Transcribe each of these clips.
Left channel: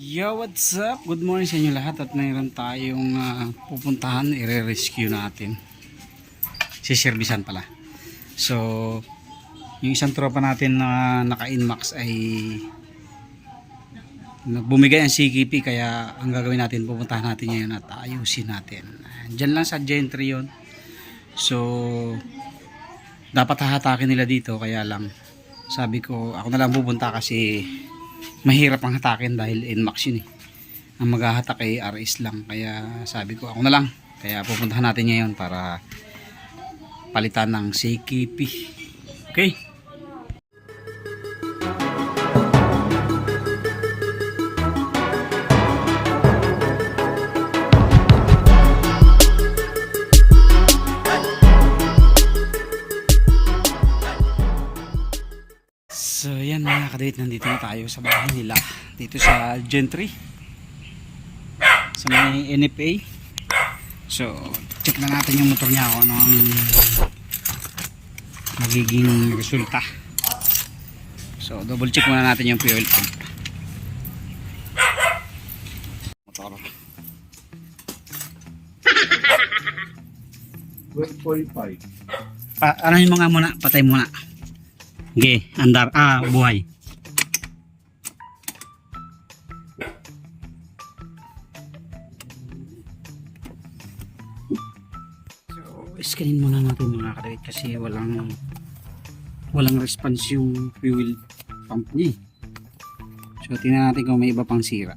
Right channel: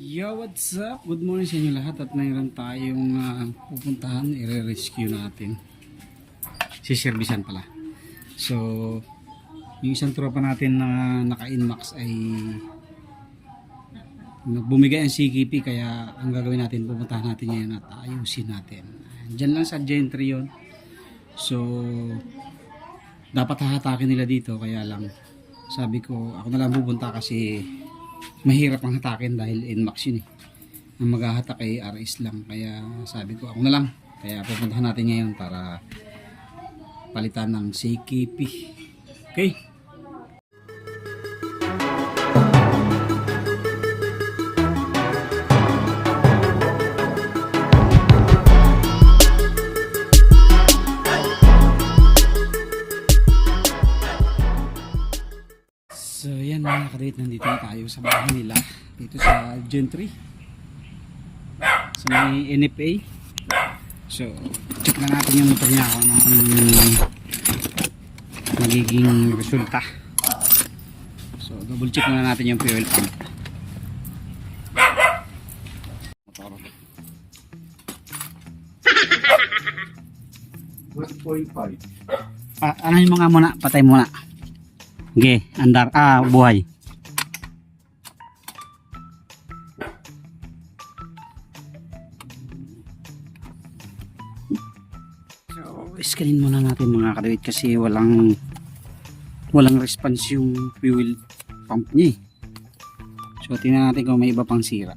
Yo, what's up? Good morning sa inyo lahat at mayroon tayong pupuntahan, i-rescue natin. Siservisan pala. So, yung isang tropa natin na naka-inmax ay bumigay ang CKP, kaya ang gagawin natin, pupuntahan natin ngayon at ayusin natin. Diyan lang sa Gentry yun. So, dapat hahatakin nila dito, kaya lang sabi ko, ako na lang pupunta kasi mahirap ang hatakin dahil inmax yun eh. Ang maghahatak ay RS lang, kaya sabi ko ako na lang, kaya pupuntahan natin ngayon para palitan ng CKP. Okay, so yan mga kadate, nandito na tayo sa bahay nila dito sa Gentry sa may NFA. So check na natin yung motor niya kung ano ang magiging resulta. So double check muna natin yung fuel pump motor. 12.5. Ano yung mga muna, patay muna. Okay, andar, buhay. So, iskanin muna natin mga kadawit kasi walang response yung fuel pump niya. So, tingnan natin kung may iba pang sira.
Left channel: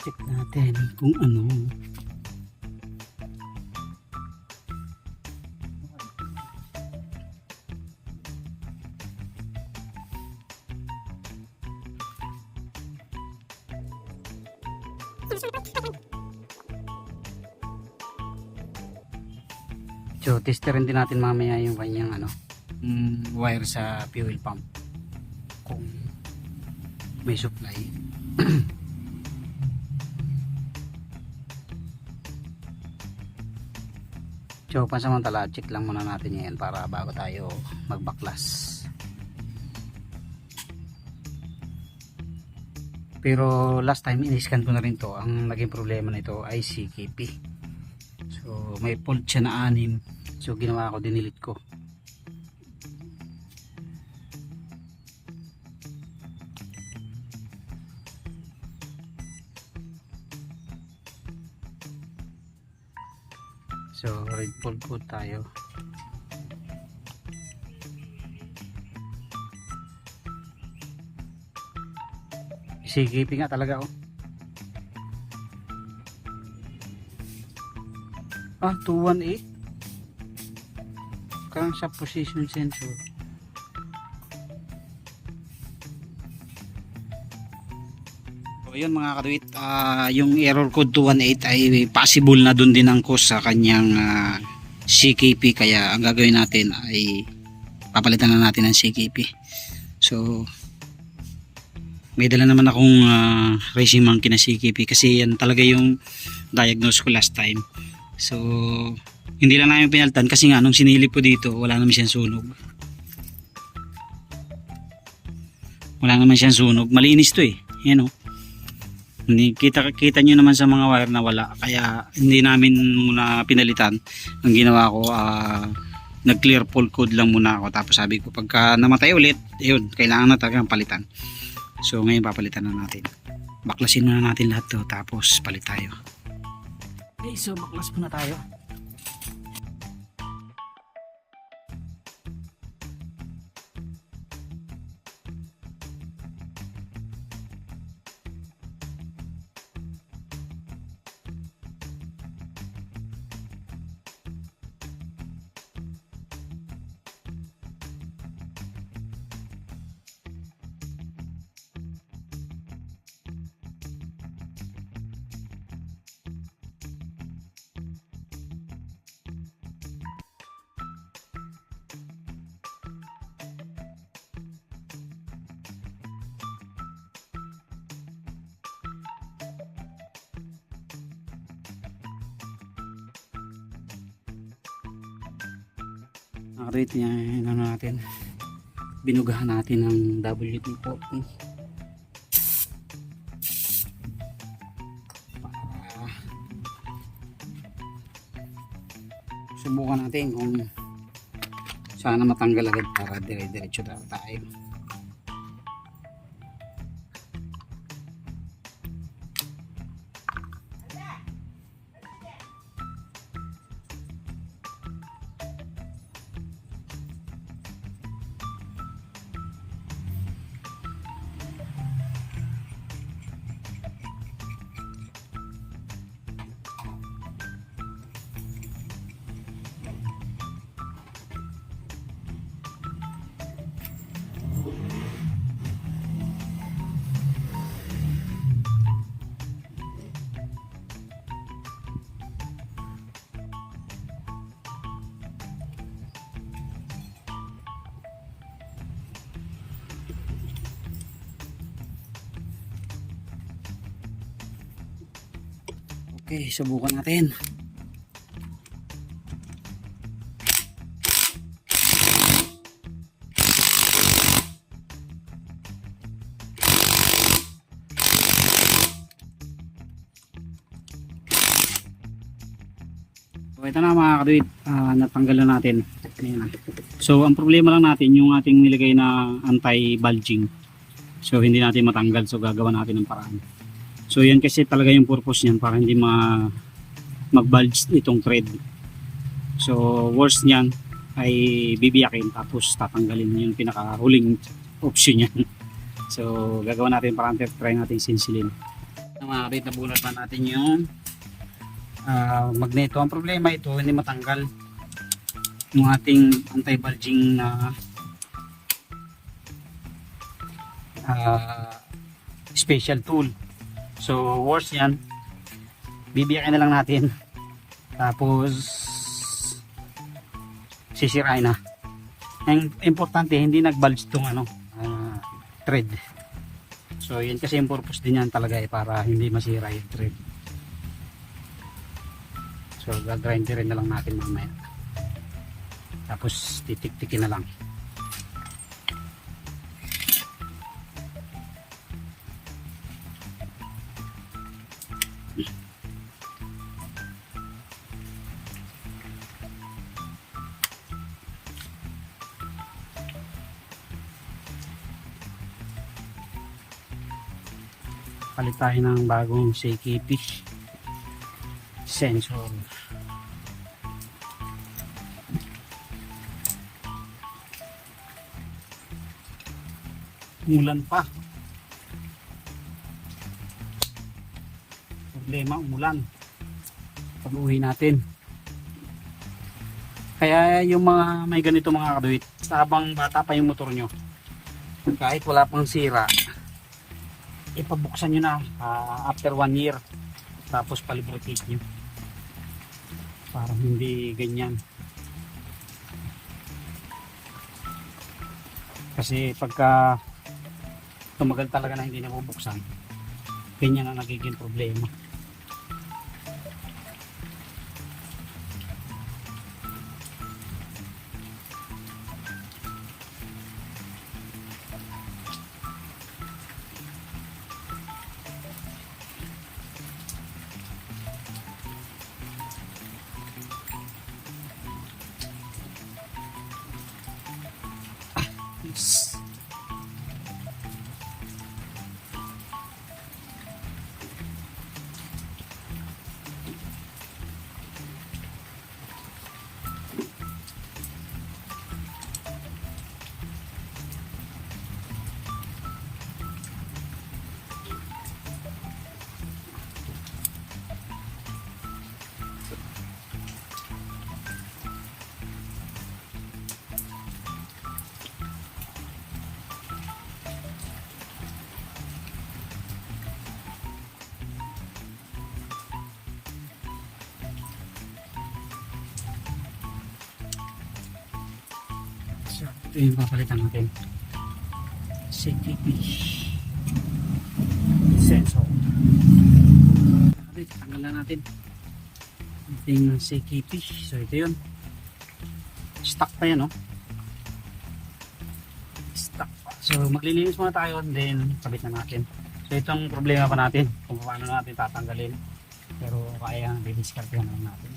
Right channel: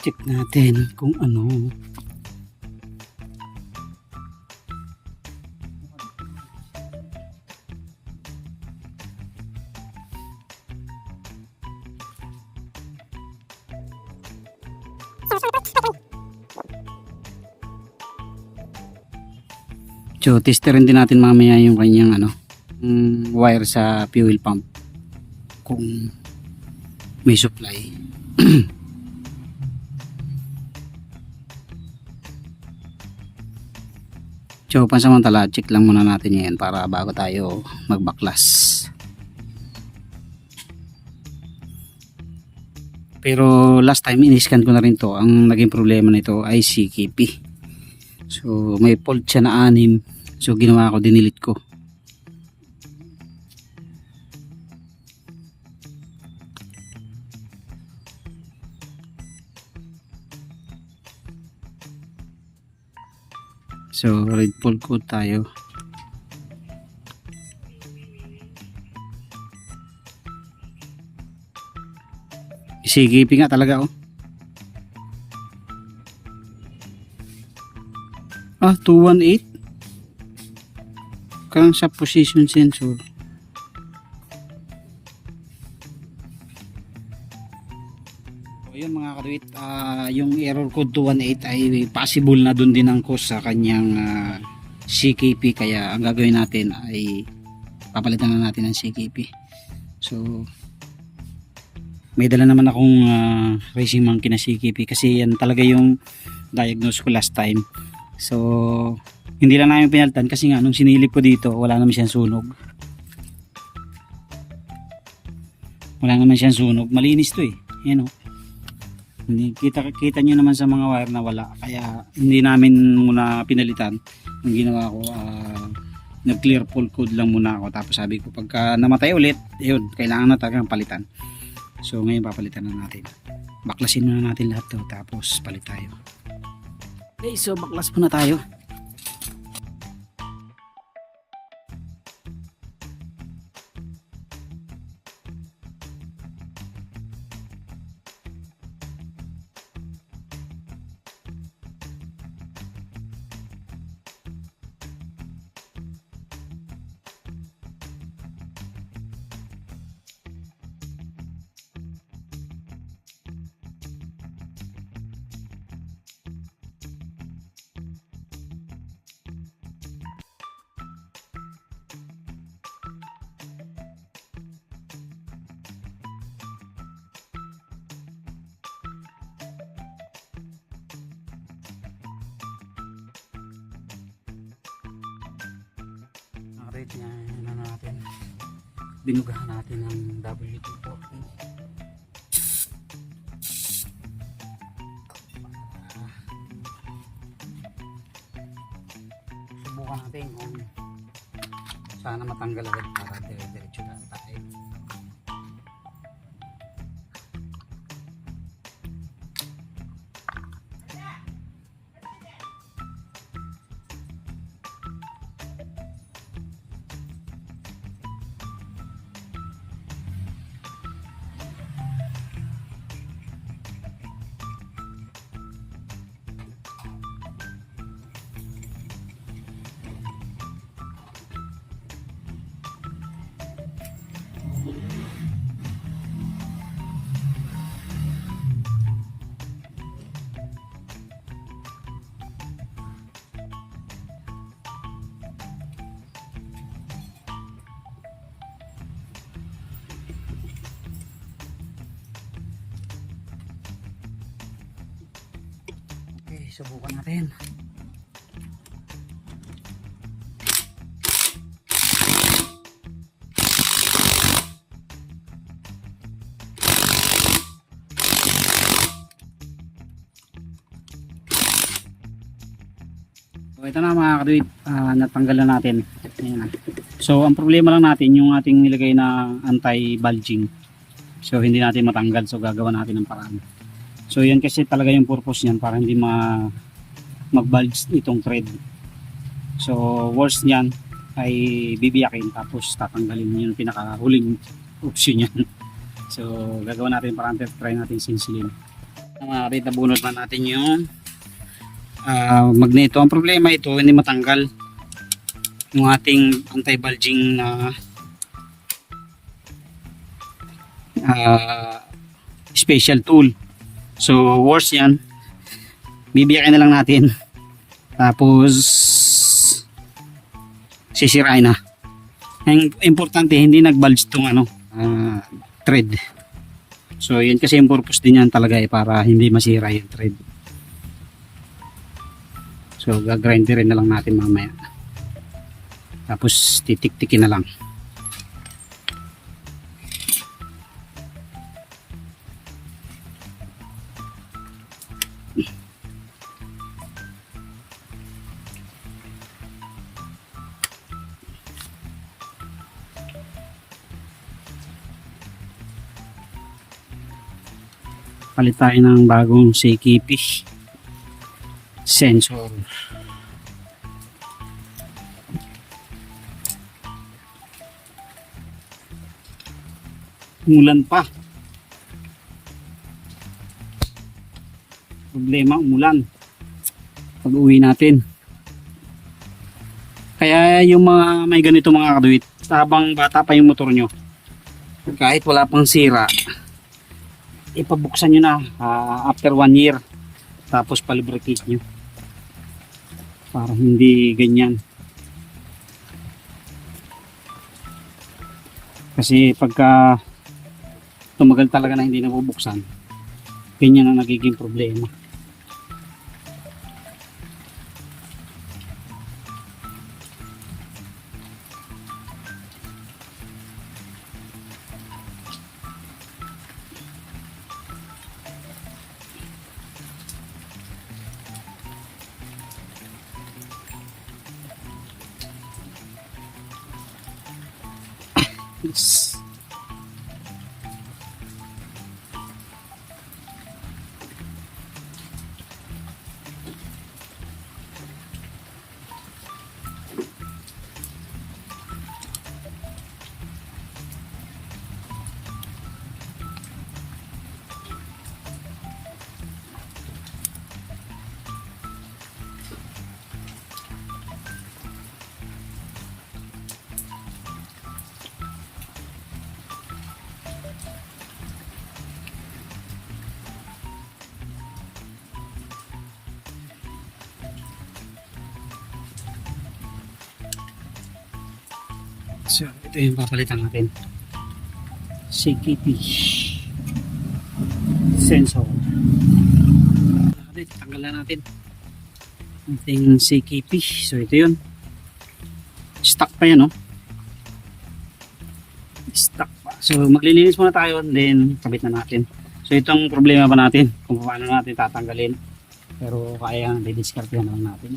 Check natin kung ano. So, testerin din natin mamaya yung kanyang wire sa fuel pump kung may supply. So, pansamantala, check lang muna natin yan para bago tayo magbaklas. Pero last time in-scan ko na rin to. Ang naging problema nito ay CKP. So, may fault siya na 6. So, ginawa ko, dinilit ko. So, red fault code tayo. CKP nga talaga, oh. 218. Kang sa position sensor. So, yun mga kaduit, yung error code 218 ay possible na dun din ang cause sa kanyang CKP, kaya ang gagawin natin ay papalitan na natin ng CKP. So may dala naman akong racing monkey na CKP kasi yan talaga yung diagnose ko last time. So hindi lang namin pinalitan kasi nga nung sinilip ko dito wala naman siyang sunog. Malinis to eh. Yan oh. Hindi kita nyo naman sa mga wire na wala, kaya hindi namin muna pinalitan. Ang ginawa ko, nag clear fault code lang muna ako, tapos sabi ko pagka namatay ulit, yun, kailangan na talagang palitan. So ngayon papalitan na natin, baklasin muna natin lahat to, tapos palit tayo. Okay, so baklas muna tayo. kadwit yan ano natin, binugahan natin ng WD-40. Subukan natin kung sana matanggal agad para dire-diretso tayo. Okay, subukan natin. So ito na mga kadwit, natanggal na natin. Ayan na. So ang problema lang natin yung ating nilagay na anti-bulging. So hindi natin matanggal, so gagawa natin ng paraan. So yan kasi talaga yung purpose niyan, para hindi mag-bulge itong thread. So worst niyan ay bibiyakin tapos tatanggalin, yung pinakahuling option niyan. So gagawa natin paraan, try natin sinsilin. Mga kapit, nabunot na natin yung magneto. Ang problema ito, hindi matanggal yung ating anti-bulging na special tool. So worst yan, bibiyakin na lang natin tapos sisirain na. Ang importante hindi nag-bulge tong thread. So yun kasi yung purpose din yan talaga, para hindi masira yung thread. So gagrinderin na lang natin mamaya, tapos titik-tikin na lang. Palit tayo ng bagong CKP sensor. Umulan pa. Problema, umulan pag uwi natin. Kaya yung mga may ganito mga kadwit, habang bata pa yung motor nyo, kahit wala pang sira, ipabuksan nyo na after 1 year, tapos palibricate nyo para hindi ganyan. Kasi pagka tumagal talaga na hindi nabubuksan, ganyan ang nagiging problema. Yes. So, ito yung papalitan natin. CKP sensor. Tanggalan natin ating CKP. So, ito yun. Stuck pa yan, no? Stuck pa. So maglilinis muna tayo, then kabit na natin. So itong problema pa natin kung paano natin tatanggalin, pero kaya didiscard lang natin.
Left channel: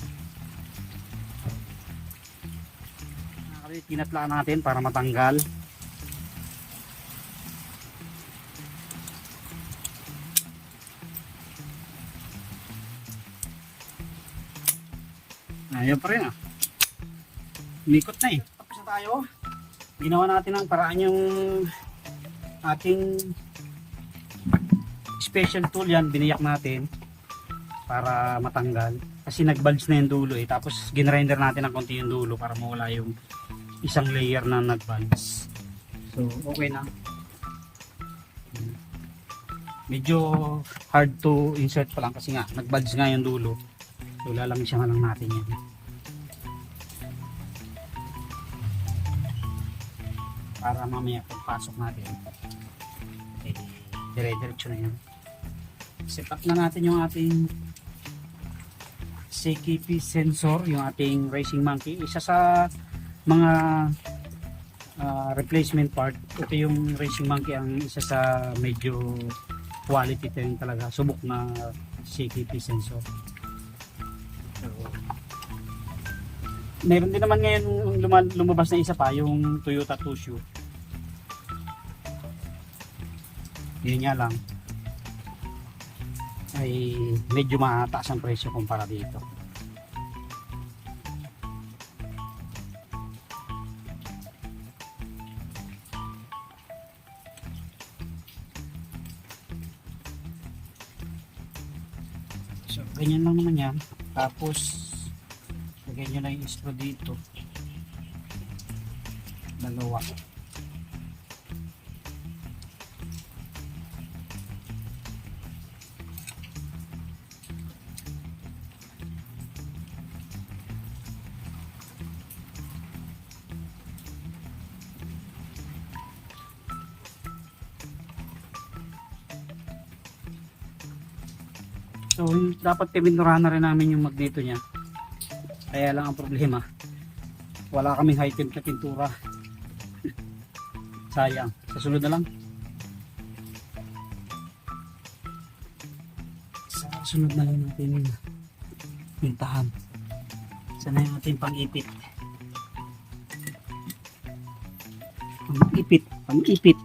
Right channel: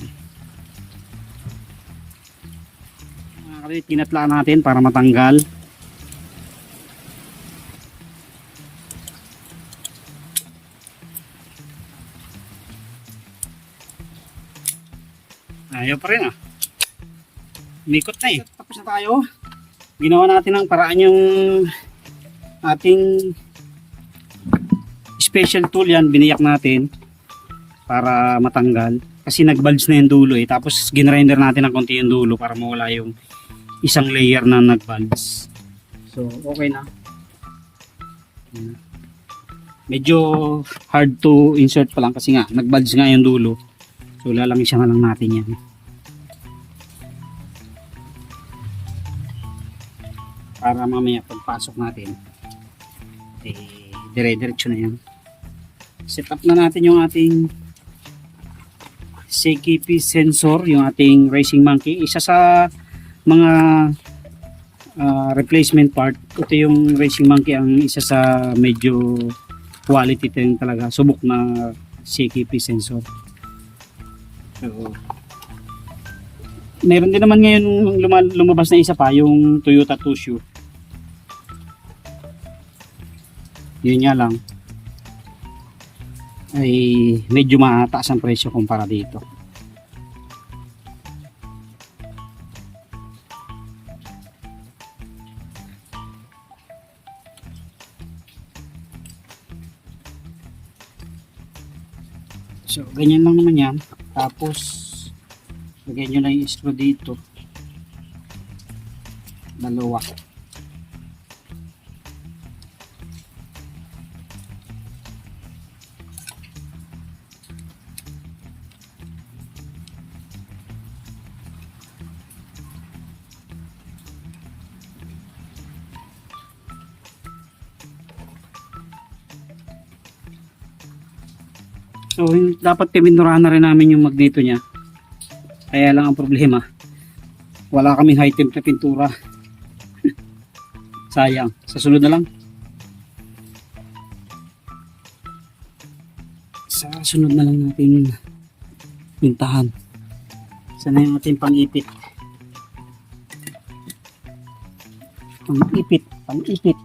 Tinatla natin para matanggal. Ayaw pa rin, ah. Mikot na eh. Tapos na tayo. Ginawa natin ang paraan yung ating special tool yan. Biniyak natin para matanggal. Kasi nag-bulge na yung dulo eh. Tapos ginrinder natin ng konti yung dulo para mawala yung isang layer na nag-bulge. So okay na. Medyo hard to insert pa lang kasi nga nag-bulge nga yung dulo. So lalamisan na lang natin yan. Para mamaya pagpasok natin eh, dire-diretso na yan. Set up na natin yung ating CKP sensor, yung ating racing monkey. Isa sa mga replacement part. Ito yung racing monkey, ang isa sa medyo quality din talaga. Subok na CKP sensor. So, meron din naman ngayon lumabas na isa pa, yung Toyota Tushu. Yun nga lang ay medyo mataas ang presyo kumpara dito. So ganyan lang naman yan. Tapos lagyan nyo na yung screw dito, dalawa. So dapat pinurahan na rin namin yung mag dito niya. Kaya lang ang problema, wala kaming high temp na pintura. Sayang. Sa sunod na lang. Sa sunod na lang natin pintahan. Sana yung ating pang-ipit. Pang-ipit. Pang-ipit.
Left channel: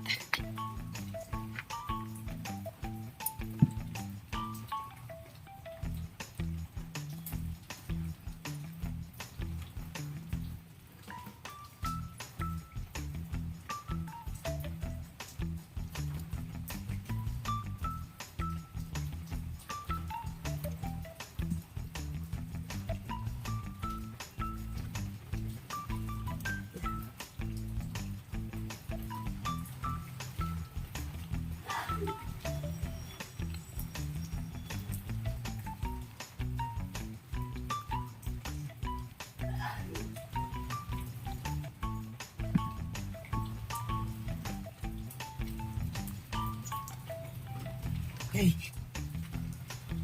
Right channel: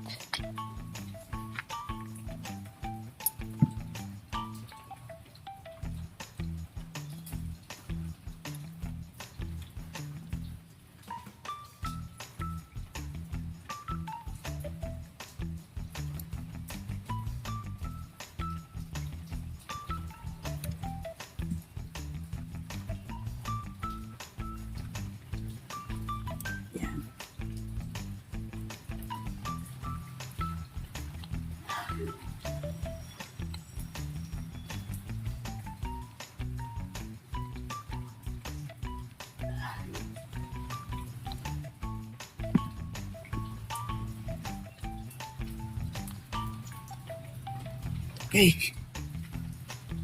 Okay.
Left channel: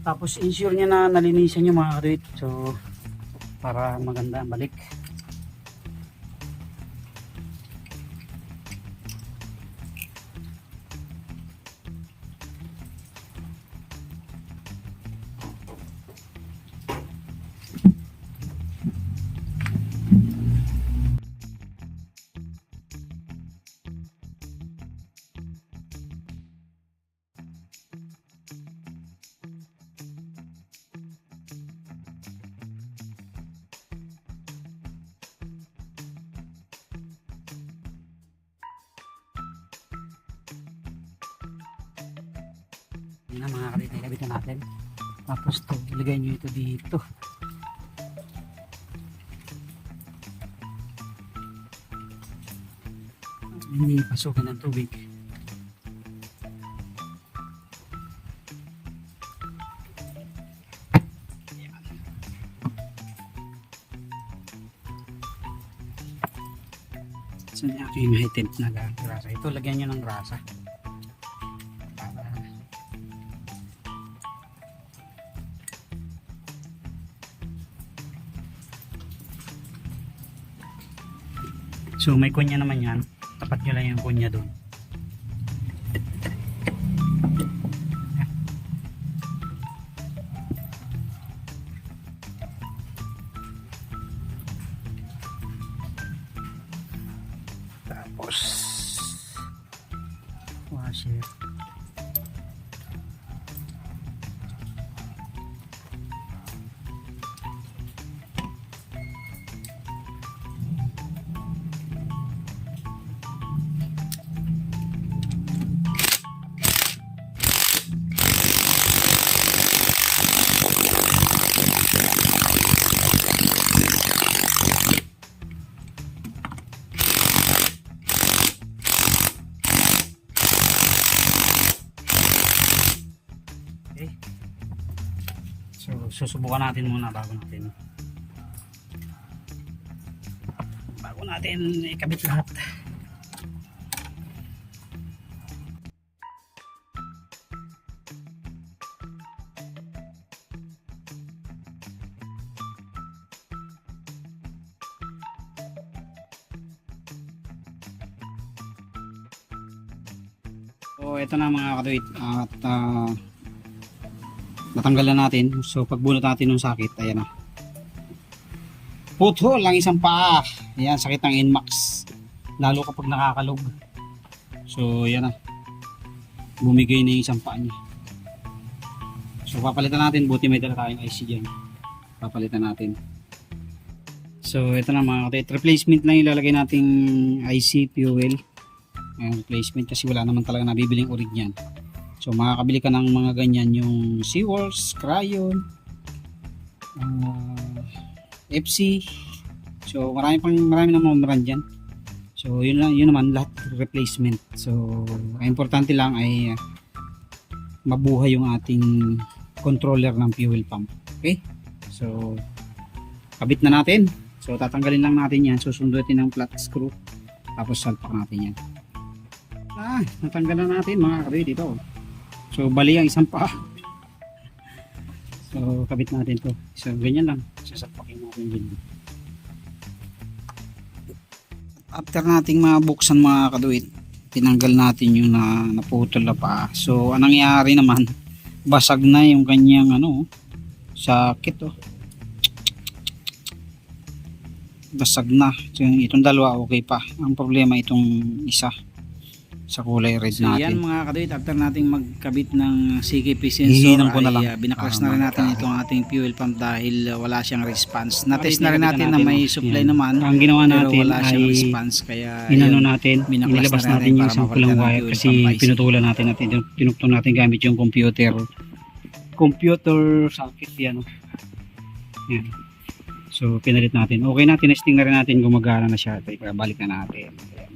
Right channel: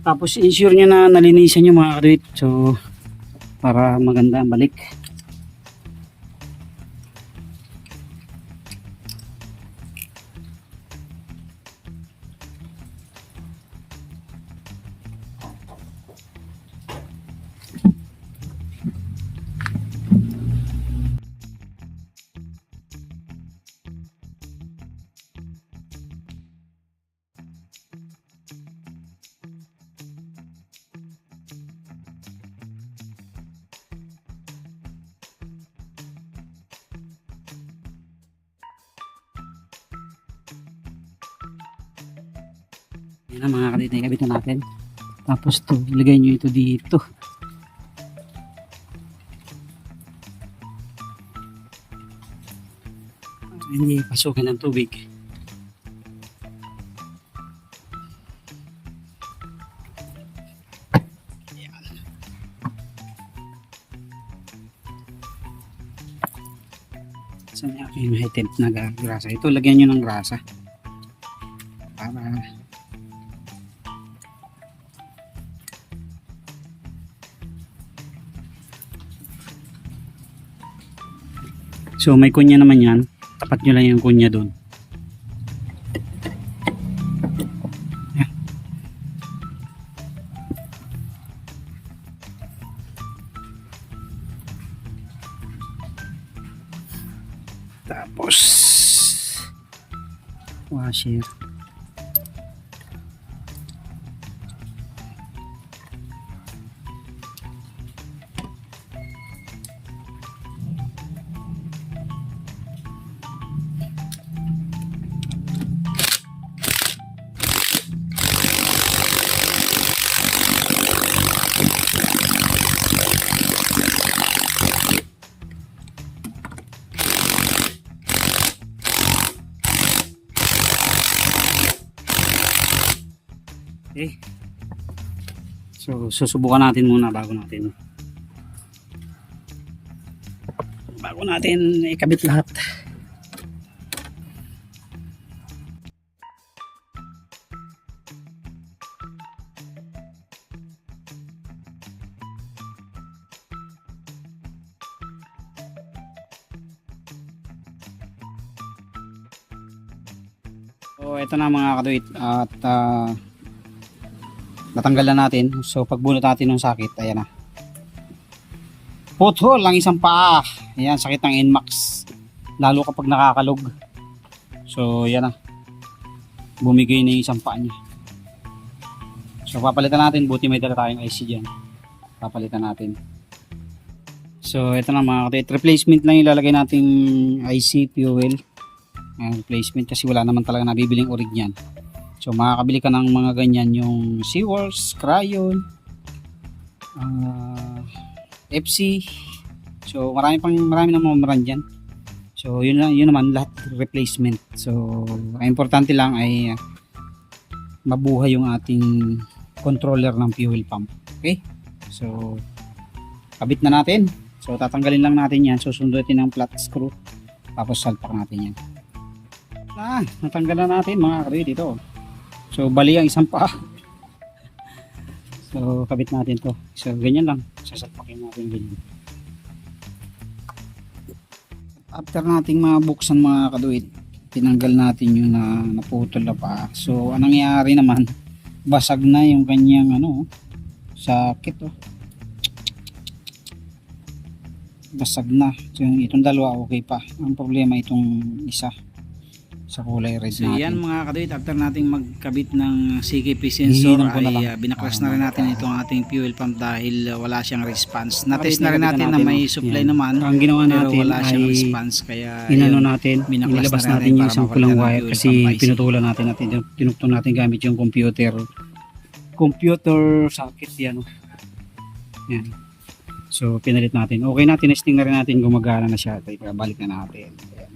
Tapos ensure nyo na nalinisan nyo mga kaduit. So para maganda ang balik. Yan ang mga kalit na ikabit na natin. Tapos to, ilagay nyo ito dito. Hindi pasukin ng tubig. So may aking high temp na grasa. Ito lagyan nyo ng grasa. Para So may kunya naman yan, tapat nyo lang yung kunya doon. Tapos washer. Okay. So susubukan natin muna bago natin ikabit lahat. So ito na mga kaduit at natanggal na natin. So pagbunot natin ng sakit, ayan na. Puthol lang isang paa. Ayan, sakit ng NMAX. Lalo kapag nakakalog. So yan na. Bumigay na yung isang paa niya. So papalitan natin. Buti may dala tayong IC dyan. Papalitan natin. So ito na mga kaduit. Replacement lang ilalagay nating IC fuel. Replacement kasi wala naman talaga nabibiling orig niyan. So makakabili ka ng mga ganyan yung Seaworks, Crayon, FC. So marami na mga brand dyan. So yun naman lahat replacement. So ang importante lang ay mabuhay yung ating controller ng fuel pump. Okay? So kabit na natin. So tatanggalin lang natin yan. Susundutin ng flat screw. Tapos salpak natin yan. Natanggal na natin mga kaduit dito. So bali ang isang paa. So kabit natin to. So ganyan lang. Sasapakin natin ganyan. After nating mabuksan mga kaduit, tinanggal natin yung naputol na paa. So anong nangyari naman? Basag na yung kanyang sakit oh. Basag na. So itong dalawa okay pa. Ang problema itong isa sa kulay red natin. So yan mga kaduit, after nating magkabit ng CKP sensor ay binaklas na rin natin itong ating fuel pump dahil wala siyang response. Na-test na rin natin na may supply naman. Ang ginawa natin pero wala siyang response kaya nilabas natin yung isang pulang wire kasi pinutulan natin at tinuktong natin gamit yung computer socket yan. Yan. So pinalit natin. Okay na, tinesting na rin natin gumagana na siya. Balik na natin.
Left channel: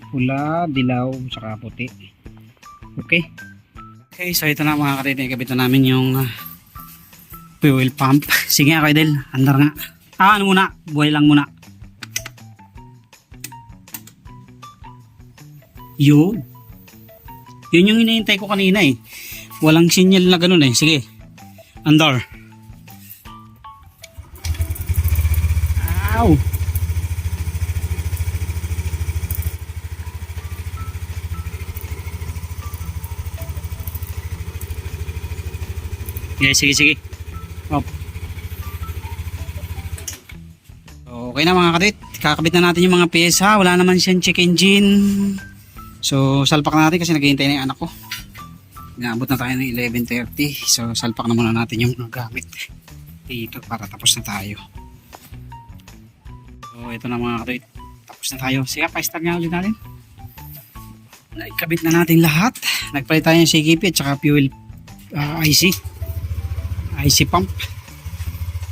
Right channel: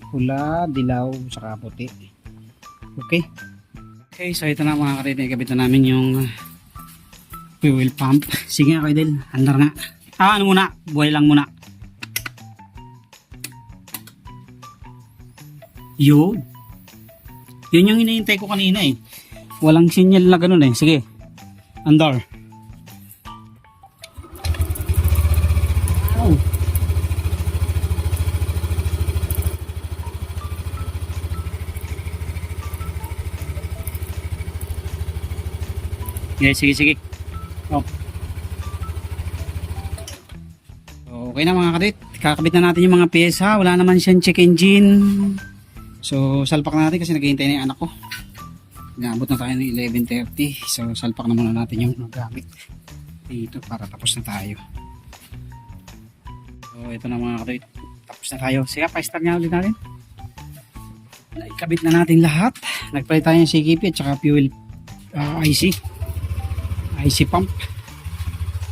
Pula, dilaw, saka puti. Okay. Okay, so ito na mga karit. Ikabit na namin yung fuel pump. Sige nga kayo Del, andar nga. Ano muna? Buhay lang muna. Yun. Yun yung hinihintay ko kanina eh. Walang sinyal na ganun eh. Sige. Andar. Ow. Yeah, sige. Oh. Okay na mga kadit. Kakabit na natin yung mga pyesa. Wala naman siyang check engine. So, salpak na natin kasi naghihintay na yung anak ko. Inaabot na tayo ng 11:30. So, salpak na muna natin yung mga gamit dito para tapos na tayo. So, ito na mga kadit. Tapos na tayo. Sige, pa-start nga ulit natin. Ikabit na natin lahat. Nagpalit tayo ng CKP at saka fuel IC pump.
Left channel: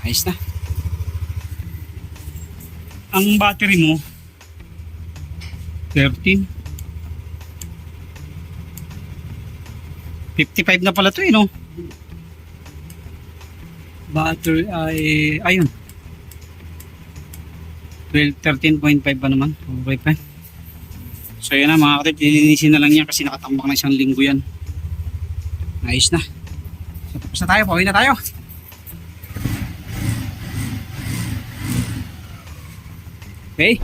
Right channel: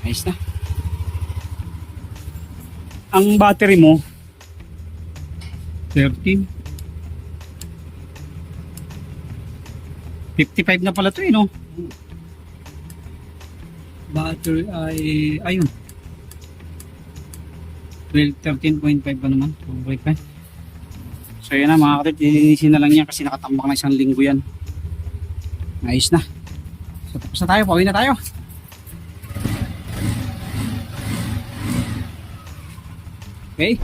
Ayos na. Ang battery mo 13 55 na pala to eh no. Battery ay ayun 13.5 pa naman. Okay pa. So yun na mga kapatid, lilinisin na lang yan kasi nakatambak na isang linggo yan. Ayos na. So tapos na tayo, pauwi na tayo. Okay.